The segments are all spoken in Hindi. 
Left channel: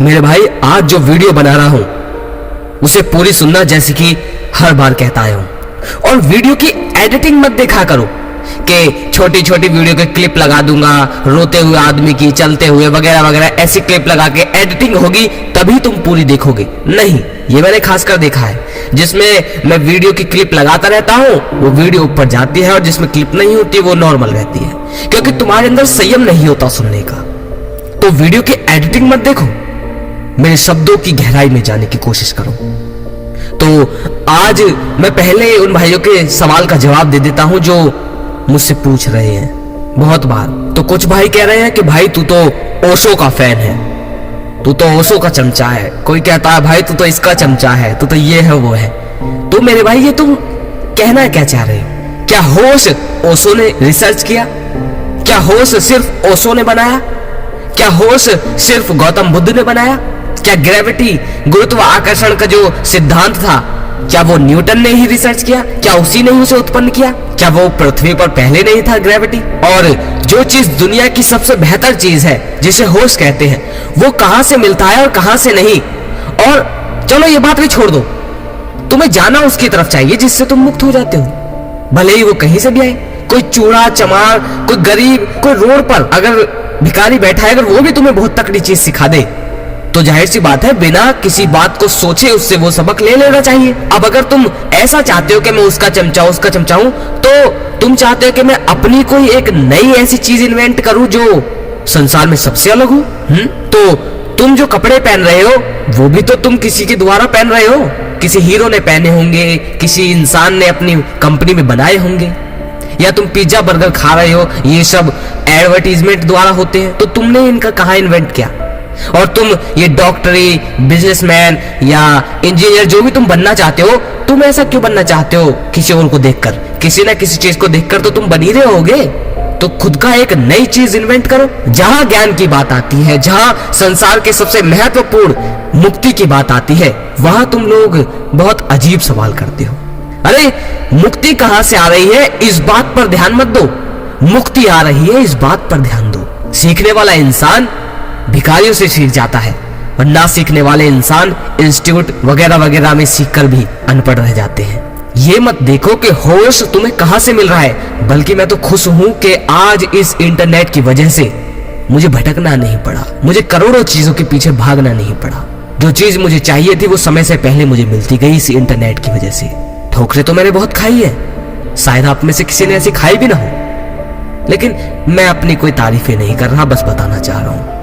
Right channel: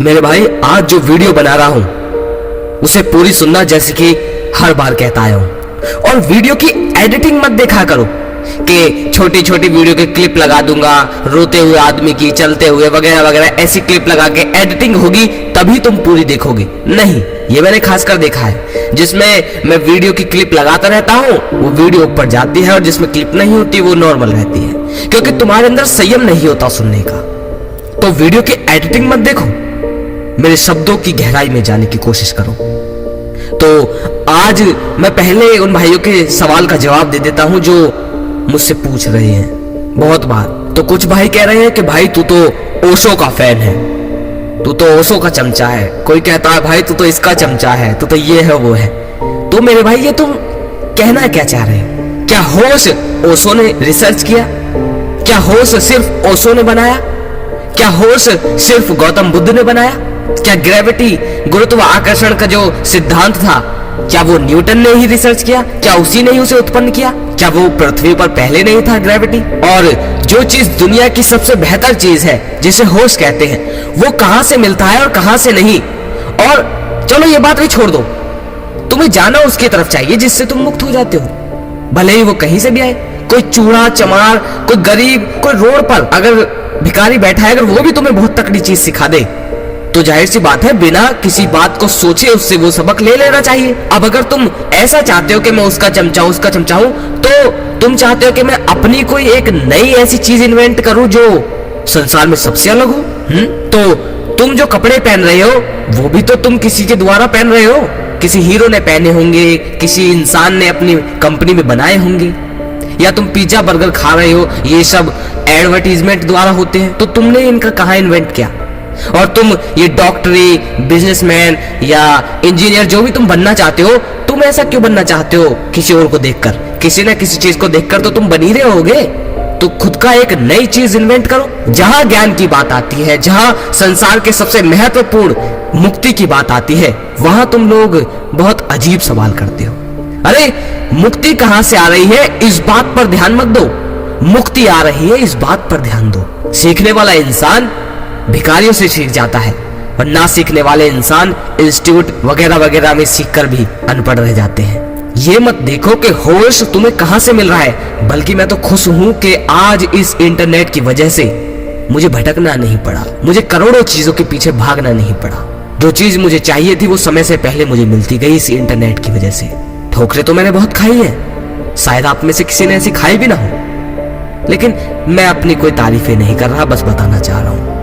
मेरे भाई आज जो वीडियो बना रहा हूं उसे पूरी सुनना, जैसे कि हर बार कहता आया हूं। और वीडियो की एडिटिंग मत देखा करो कि छोटी छोटी वीडियो के क्लिप लगा दूंगा, रोते हुए आदमी की, चलते हुए वगैरह वगैरह, ऐसी क्लिप लगा के एडिटिंग होगी तभी तुम पूरी देखोगे। नहीं, ये मैंने खासकर देखा है। जिसमें मैं वीडियो की क्लिप लगाता रहता हूं वो वीडियो ऊपर जाती है, और जिसमें क्लिप नहीं होती वो नॉर्मल रहती है, क्योंकि तुम्हारे अंदर संयम नहीं होता सुनने का। तो वीडियो की एडिटिंग मत देखो, मेरे शब्दों की गहराई में जाने की कोशिश करो। तो आज मैं पहले उन भाइयों के सवाल का जवाब दे देता हूं जो मुझसे पूछ रहे हैं बहुत बार। तो कुछ भाई कह रहे हैं कि भाई तू तो ओशो का फैन है, तू तो ओशो का चमचा है। कोई कहता है भाई तू तो इसका चमचा है, तू तो ये है वो है। तो मेरे भाई ये तुम कहना क्या चाह रहे हो? क्या होश ओशो ने रिसर्च किया? क्या होश सिर्फ ओशो ने बनाया? क्या होश सिर्फ गौतम बुद्ध ने बनाया? क्या ग्रेविटी, गुरुत्वाकर्षण का जो सिद्धांत था, क्या वो न्यूटन ने ही रिसर्च किया? क्या उसी ने ही उसे उत्पन्न किया? क्या वो पृथ्वी पर पहले नहीं था ग्रेविटी? और जो चीज दुनिया की सबसे बेहतर चीज है जिसे होश कहते हैं, वो कहां से मिलता है और कहां से नहीं? और चलो ये बात भी छोड़ दो, तुम्हें जाना उसकी तरफ चाहिए जिससे तुम मुक्त हो जाते हो, भले ही वो कहीं से भी आए। कोई चूड़ा चमार, कोई गरीब, कोई रोड पर अगर भिखारी बैठा है, अगर वो भी तुम्हें बहुत तकड़ी चीज सिखा दे तो जाहिर सी बात है बिना किसी बात को सोचे उससे वो सबक ले लेना चाहिए। अब अगर तुम ऐसा चाहते हो कि मैं उसका चमचा हूं, तो तुम चाहते हो कि मैं अपनी कोई एक नई ऐसी चीज इन्वेंट करूं जो संसार में सबसे अलग हो। तो तुम जो कपड़े पहन रहे हो वो भी तो तुम किसी के द्वारा पहन रहे हो, किसी हीरो ने पहने होंगे, किसी इंसान ने अपनी कंपनी में बनाए होंगे। या तुम पिज्जा बर्गर खा रहे हो, ये सब एडवर्टीजमेंट द्वारा होते हैं। तो तुमने इनका कहां इन्वेंट किया? और तुम ये डॉक्टरी, बिजनेसमैन या इंजीनियर जो भी तुम बनना चाहते हो, तुम ऐसा क्यों बनना चाहते हो? किसी और को देखकर, किसी ना किसी चीज को देखकर तो तुम बन ही रहे होगे। तो खुद का एक नई चीज इन्वेंट करो। जहां ज्ञान की बात आती है, जहां संसार के सबसे महत्वपूर्ण मुक्ति की बात आती है, वहां तुम लोग बहुत अजीब सवाल करते हो। अरे मुक्ति कहां से आ रही है इस बात पर ध्यान मत दो, मुक्ति आ रही है इस बात पर ध्यान दो। सीखने वाला इंसान भिखारियों से सीख जाता है, और ना सीखने वाले इंसान इंस्टीट्यूट वगैरह वगैरह में सीखकर भी अनपढ़ रह जाते हैं। ये मत देखो कि होश तुम्हें कहां से मिल रहा है, बल्कि मैं तो खुश हूं कि आज इस इंटरनेट की वजह से मुझे भटकना नहीं पड़ा, मुझे करोड़ों चीजों के पीछे भागना नहीं पड़ा। जो चीज मुझे चाहिए थी वो समय से पहले मुझे मिलती गई इस इंटरनेट की वजह से। ठोकरें तो मैंने बहुत खाई है, शायद आप में से किसी ने ऐसी खाई भी ना हो, लेकिन मैं अपनी कोई तारीफें नहीं कर रहा, बस बताना चाह रहा हूं।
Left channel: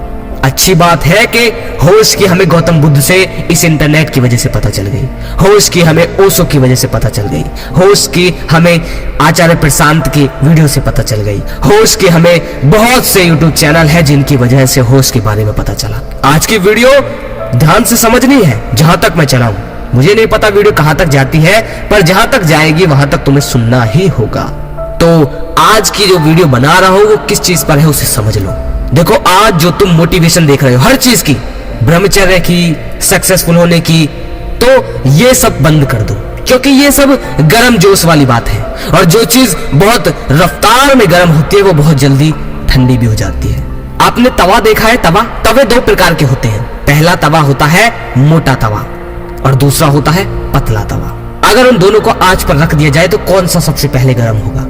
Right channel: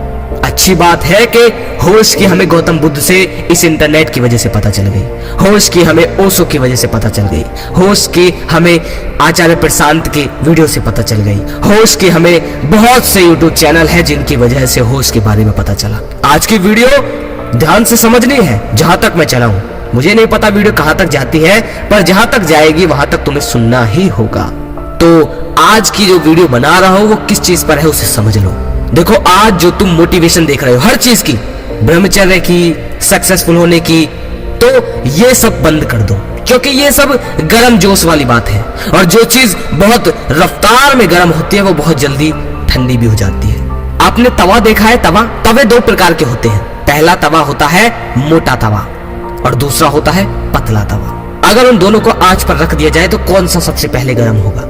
अच्छी बात है कि होश की हमें गौतम बुद्ध से इस इंटरनेट की वजह से पता चल गई, होश की हमें ओशो की वजह से पता चल गई, होश की हमें आचार्य प्रशांत की वीडियो से पता चल गई, होश की हमें बहुत से यूट्यूब चैनल है जिनकी वजह से होश के बारे में पता चला। आज की वीडियो ध्यान से समझनी है, जहां तक मैं चला हूं। मुझे नहीं पता वीडियो कहां तक जाती है, पर जहां तक जाएगी वहां तक तुम्हें सुनना ही होगा। तो आज की जो वीडियो बना रहा हूं वो किस चीज पर है उसे समझ लो। देखो, आज जो तुम मोटिवेशन देख रहे हो हर चीज की, ब्रह्मचर्य की, सक्सेसफुल होने की, तो ये सब बंद कर दो, क्योंकि ये सब गर्म जोश वाली बात है। और जो चीज बहुत रफ्तार में गर्म होती है वो बहुत जल्दी ठंडी भी हो जाती है। आपने तवा देखा है? तवे दो प्रकार के होते हैं। पहला तवा होता है मोटा तवा और दूसरा होता है पतला तवा। अगर उन दोनों को आंच पर रख दिया जाए तो कौन सा सबसे पहले गर्म होगा?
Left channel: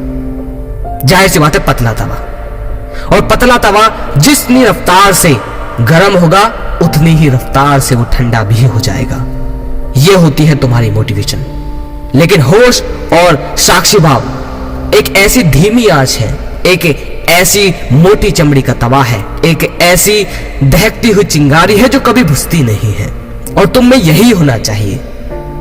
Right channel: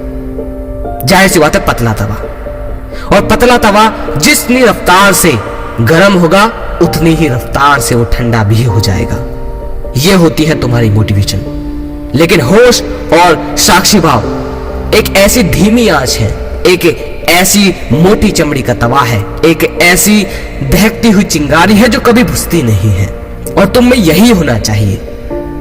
जाहिर सी बात है पतला तवा। और पतला तवा जितनी रफ्तार से गर्म होगा उतनी ही रफ्तार से वो ठंडा भी हो जाएगा। ये होती है तुम्हारी मोटिवेशन। लेकिन होश और साक्षी भाव एक ऐसी धीमी आंच है, एक ऐसी मोटी चमड़ी का तवा है, एक ऐसी दहकती हुई चिंगारी है जो कभी बुझती नहीं है। और तुम में यही होना चाहिए।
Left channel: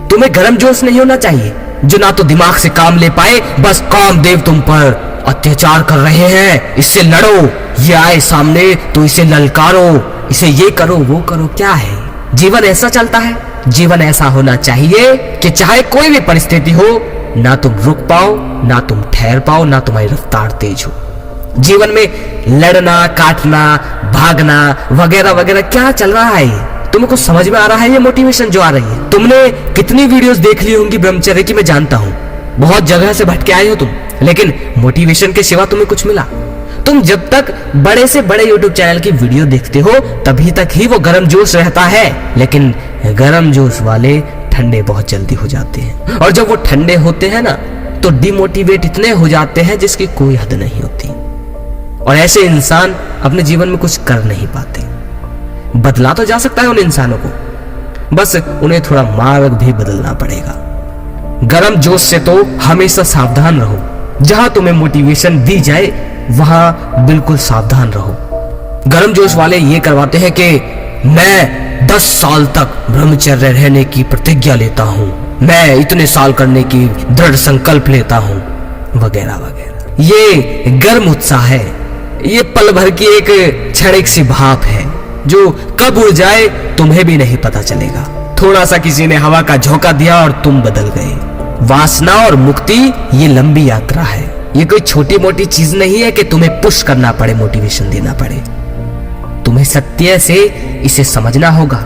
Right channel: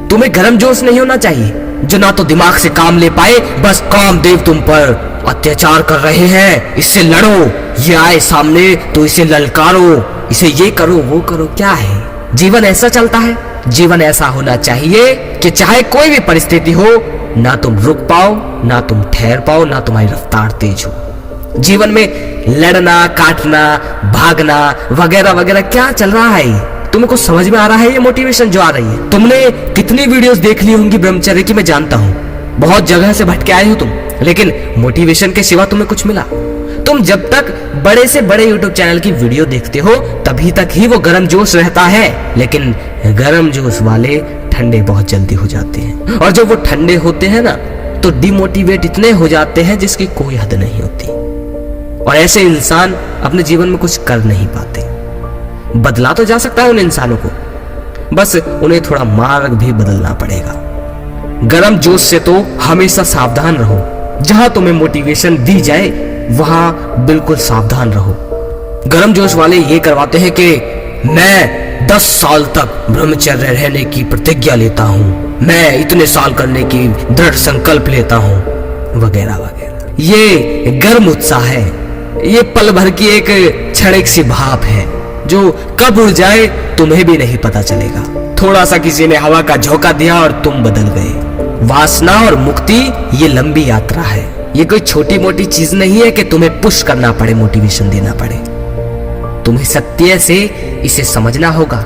तुम्हें गर्म जोश नहीं होना चाहिए जो ना तो दिमाग से काम ले पाए, बस कामदेव तुम पर अत्याचार कर रहे हैं, इससे लड़ो, ये आए सामने तो इसे ललकारो, इसे ये करो वो करो। क्या है जीवन? ऐसा चलता है? जीवन ऐसा होना चाहिए कि चाहे कोई भी परिस्थिति हो, ना तुम रुक पाओ, ना तुम ठहर पाओ, ना तुम्हारी रफ्तार तेज हो। जीवन में लड़ना, काटना, भागना वगैरह वगैरह क्या चल रहा है? तुम्हें कुछ समझ में आ रहा है? ये मोटिवेशन जो आ रही है, तुमने कितनी वीडियोस देख ली होंगी ब्रह्मचर्य की, मैं जानता हूं। बहुत जगह से भटके आए हो तुम, लेकिन मोटिवेशन के सिवा तुम्हें कुछ मिला? तुम जब तक बड़े से बड़े YouTube चैनल की वीडियो देखते हो तभी तक ही वो गर्म जोश रहता है, लेकिन गर्म जोश वाले ठंडे बहुत जल्दी हो जाते हैं। और जब वो ठंडे होते हैं ना तो डिमोटिवेट इतने हो जाते हैं जिसकी कोई हद नहीं होती। और ऐसे इंसान अपने जीवन में कुछ कर नहीं पाते। बदला तो जा सकता है उन इंसानों को, बस उन्हें थोड़ा मार्ग भी बदलना पड़ेगा। गर्म जोश से तो हमेशा सावधान रहो। जहां तुम्हें मोटिवेशन दी जाए वहां बिल्कुल सावधान रहो। गर्म जोश वाले ये करवाते हैं कि मैं 10 साल तक ब्रह्मचर्य रहने की प्रतिज्ञा लेता हूं, मैं इतने साल करने की दृढ़ संकल्प लेता हूं, वगैरह वगैरह। ये गर्म उत्साह है, ये पल भर की एक क्षणिक सी भाप है जो कब उड़ जाए तुम्हें भी नहीं पता चलेगा। थोड़ा सा किसी ने हवा का झोंका दिया और तुम बदल गए। वासना और मुक्ति ये लंबी यात्रा है। ये कोई छोटी मोटी चीज नहीं है कि तुम्हें पुश करना पड़े, मोटिवेशन देना पड़े। तुम्हें सत्य से इसे समझना होगा,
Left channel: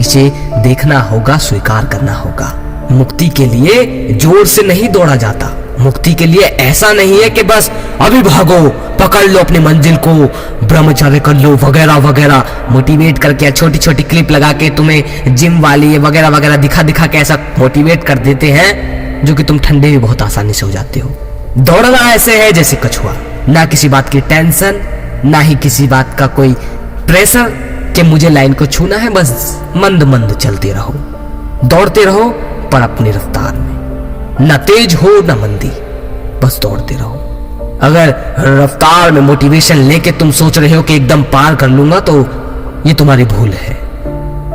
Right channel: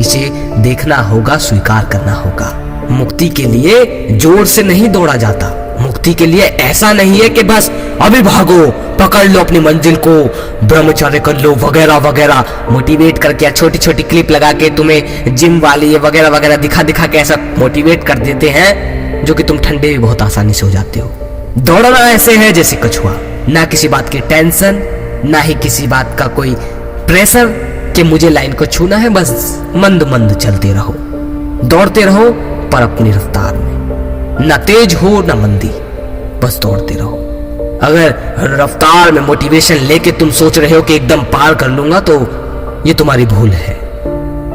इसे देखना होगा, स्वीकार करना होगा। मुक्ति के लिए जोर से नहीं दौड़ा जाता। मुक्ति के लिए ऐसा नहीं है कि बस अभी भागो, पकड़ लो अपनी मंजिल को, ब्रह्मचर्य कर लो, वगैरह वगैरह। मोटिवेट करके छोटी छोटी क्लिप लगा के तुम्हें जिम वाली ये वगैरह वगैरह दिखा दिखा के ऐसा मोटिवेट कर देते हैं जो कि तुम ठंडे भी बहुत आसानी से हो जाते हो। दौड़ना ऐसे है जैसे कछुआ, ना किसी बात की टेंशन, ना ही किसी बात का कोई प्रेशर कि मुझे लाइन को छूना है। बस मंद मंद चलते रहो, दौड़ते रहो पर अपनी रफ्तार में, न तेज हो न मंदी, बस दौड़ते रहो। अगर रफ्तार में मोटिवेशन लेके तुम सोच रहे हो कि एकदम पार कर लूंगा तो ये तुम्हारी भूल है।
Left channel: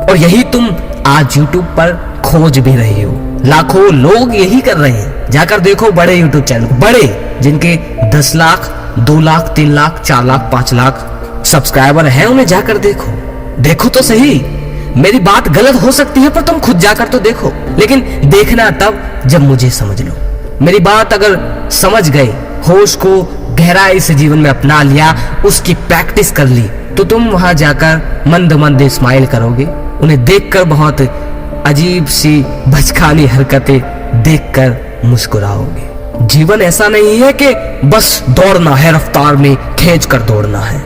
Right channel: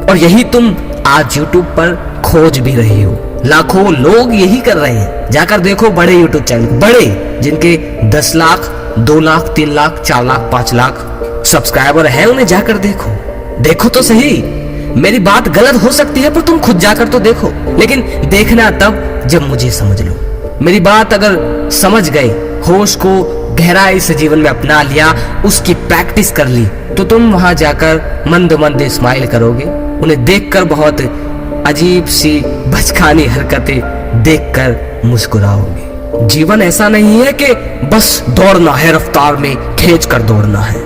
और यही तुम आज YouTube पर खोज भी रहे हो। लाखों लोग यही कर रहे हैं। जाकर देखो बड़े YouTube चैनल, बड़े जिनके 10 लाख 2 लाख 3 लाख 4 लाख 5 लाख सब्सक्राइबर हैं, उन्हें जाकर देखो। देखो तो सही, मेरी बात गलत हो सकती है पर तुम खुद जाकर तो देखो। लेकिन देखना तब जब मुझे समझ लो। मेरी बात अगर समझ गए, होश को गहराई से जीवन में अपना लिया, उसकी प्रैक्टिस कर ली, तो तुम वहां जाकर मंद मंद स्माइल करोगे। उन्हें देखकर बहुत अजीब सी बचकानी हरकतें देखकर मुस्कुराओगे। जीवन ऐसा नहीं है कि बस दौड़ना है, रफ्तार में खींच कर दौड़ना है,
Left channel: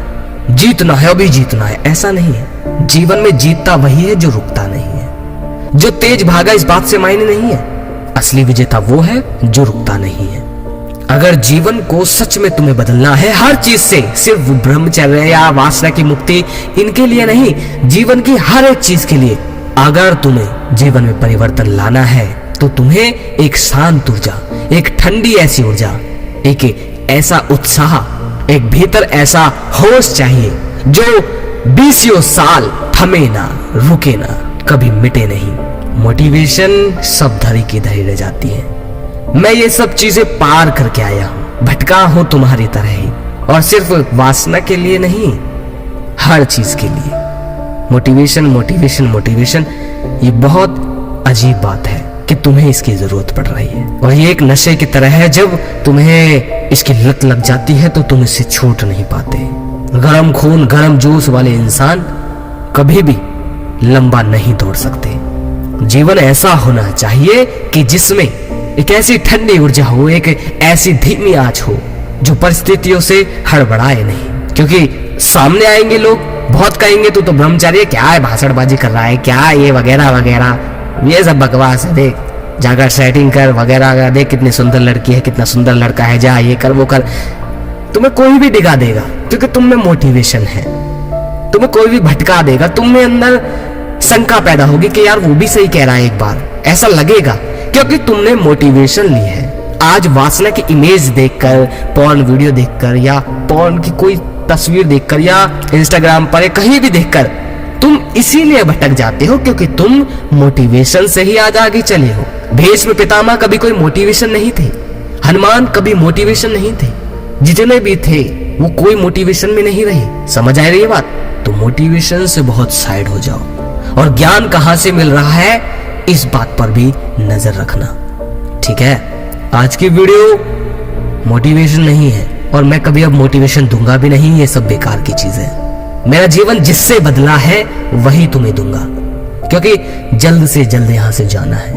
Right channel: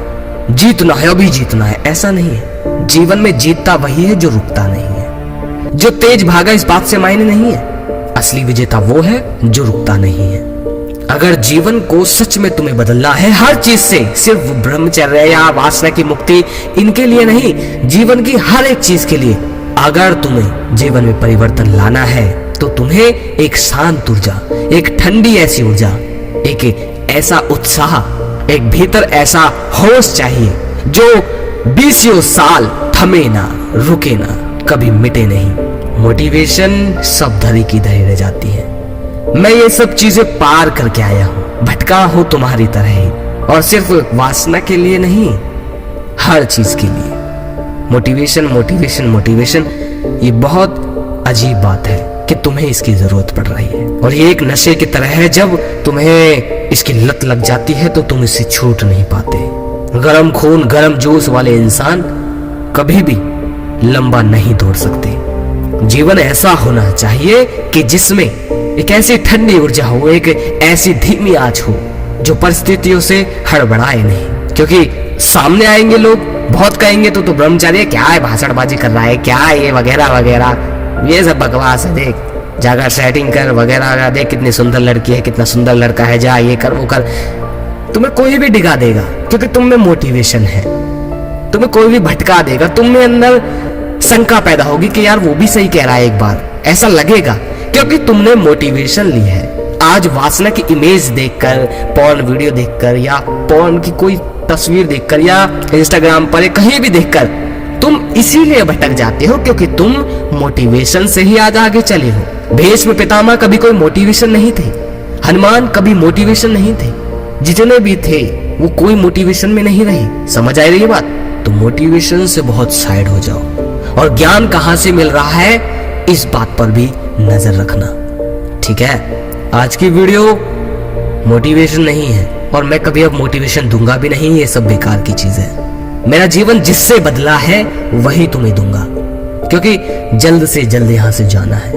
जीतना है अभी जीतना है, ऐसा नहीं है। जीवन में जीतता वही है जो रुकता नहीं है। जो तेज भागा इस बात से मायने नहीं है। असली विजेता वो है जो रुकता नहीं है। अगर जीवन को सच में तुम्हें बदलना है हर चीज से, सिर्फ ब्रह्मचर्य या वासना की मुक्ति इनके लिए नहीं, जीवन की हर एक चीज के लिए अगर तुम्हें जीवन में परिवर्तन लाना है तो तुम्हें एक शांत ऊर्जा, एक ठंडी ऐसी ऊर्जा, एक ऐसा उत्साह, एक भीतर ऐसा होश चाहिए जो 20 साल थमे ना, रुके ना, कभी मिटे नहीं। मोटिवेशन सब धरी की धरी रह जाती है। मैं ये सब चीजें पार करके आया हूं, भटका हूं तुम्हारी तरह ही, और सिर्फ वासना के लिए नहीं, हर चीज के लिए। मोटिवेशन मोटिवेशन मोटिवेशन ये बहुत अजीब बात है कि तुम्हें इसकी जरूरत पड़ रही है। और ये एक नशे की तरह है, जब तुम्हें इसकी लत लग जाती है तो तुम इससे छूट नहीं पाते। गरम खून गरम जोश वाले इंसान कभी भी लंबा नहीं दौड़ सकते। जीवन ऐसा होना चाहिए कि जिसमें एक ऐसी ठंडी ऊर्जा हो, एक ऐसी धीमी आंच हो जो परिस्थितियों से हड़बड़ाए नहीं। क्योंकि सामने आएंगे लोग, बहुत कहेंगे तो ब्रह्मचारी क्या है, भाषणबाजी कर रहा है, क्या है ये वगैरह वगैरह, ये सब बकवास है, देख जाकर सेटिंग कर वगैरह, देख कितनी सुंदर लड़की है, कितना सुंदर लड़का है, जा ये कर वो कर। तुम्हें कोई भी डिगा देगा क्योंकि तुम में मोटिवेशन है। तुम्हें कोई भी भटका देगा, तुम में अंदर शंका पैदा होगी कि यार वो भी सही कह रहा है, एक बार ऐसा लगेगा क्योंकि तुमने मोटिवेशन ली है। आज वासना की इमेज देखकर, पॉर्न वीडियो देखकर, या पॉर्न की कोई तस्वीर देखकर, या इंस्टाग्राम पर कहीं भी देखकर तुम इसीलिए भटक जाते हो क्योंकि तुम मोटिवेशन से ही आज आगे चले हो। भीष्म पितामह कभी कोई मोटिवेशन नहीं थे, हनुमान कभी मोटिवेशन नहीं थे, जितने भी थे वो कोई मोटिवेशन में नहीं रहे। समझ आ रही है बात? तो मोटिवेशन से बहुत साइड हो जाओ। और ज्ञान कहां से मिल रहा है इस बात पर भी नजर रखना, ठीक है? आज की वीडियो मोटिवेशन नहीं है और मैं कभी अब मोटिवेशन दूंगा भी नहीं, ये सब बेकार की चीज है। मेरा जीवन जिससे बदला है वही तुम्हें दूंगा, क्योंकि जल्द से जल्द यहां से जाना है।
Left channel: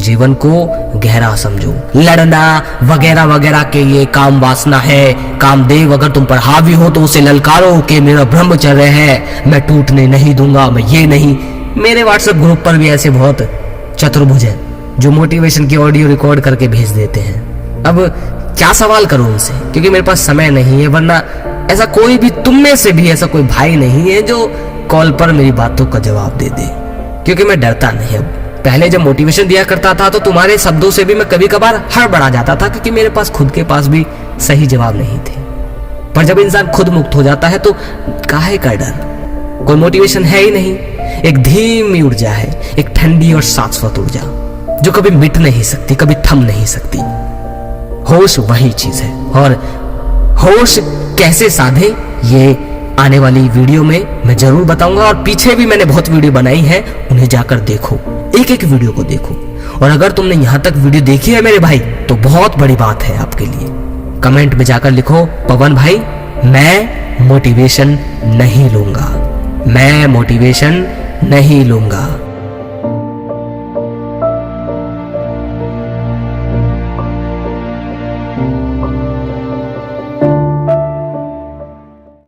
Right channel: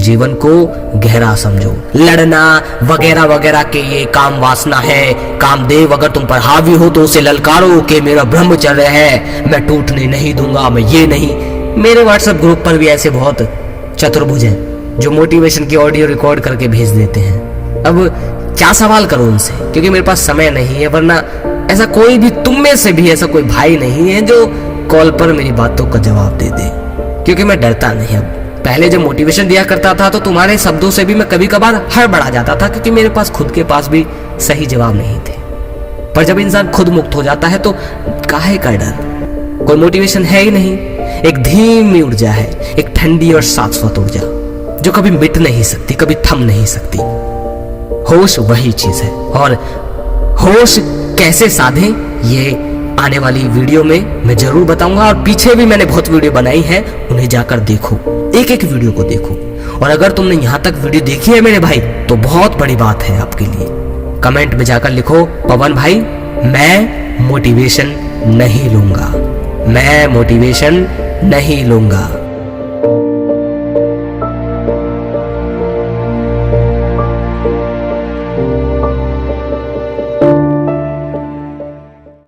जीवन को गहरा समझो। लड़ना वगैरह वगैरह के ये काम वासना है। कामदेव अगर तुम पर हावी हो तो उसे ललकारो कि मेरा ब्रह्मचर्य है, मैं टूटने नहीं दूंगा, मैं ये नहीं। मेरे व्हाट्सएप ग्रुप पर भी ऐसे बहुत चतुर्भुज हैं जो मोटिवेशन की ऑडियो रिकॉर्ड करके भेज देते हैं। अब क्या सवाल करूं उनसे, क्योंकि मेरे पास समय नहीं है, वरना ऐसा कोई भी तुम में से भी ऐसा कोई भाई नहीं है जो कॉल पर मेरी बातों का जवाब दे दे, क्योंकि मैं डरता नहीं। अब पहले जब मोटिवेशन दिया करता था तो तुम्हारे शब्दों से भी मैं कभी कभार हड़बड़ा जाता था, क्योंकि मेरे पास खुद के पास भी सही जवाब नहीं थे। पर जब इंसान खुद मुक्त हो जाता है तो काहे का डर, कोई मोटिवेशन है ही नहीं। एक धीमी ऊर्जा है, एक ठंडी और शाश्वत ऊर्जा जो कभी मिट नहीं सकती, कभी थम नहीं सकती। होश वही चीज है, और होश कैसे साधे ये आने वाली वीडियो में मैं जरूर बताऊंगा। और पीछे भी मैंने बहुत वीडियो बनाई है, उन्हें जाकर देखो, एक एक वीडियो को देखो। और अगर तुमने यहां तक वीडियो देखी है मेरे भाई तो बहुत बड़ी बात है आपके लिए। कमेंट में जाकर लिखो, पवन भाई मैं मोटिवेशन नहीं लूंगा, मैं मोटिवेशन नहीं लूंगा।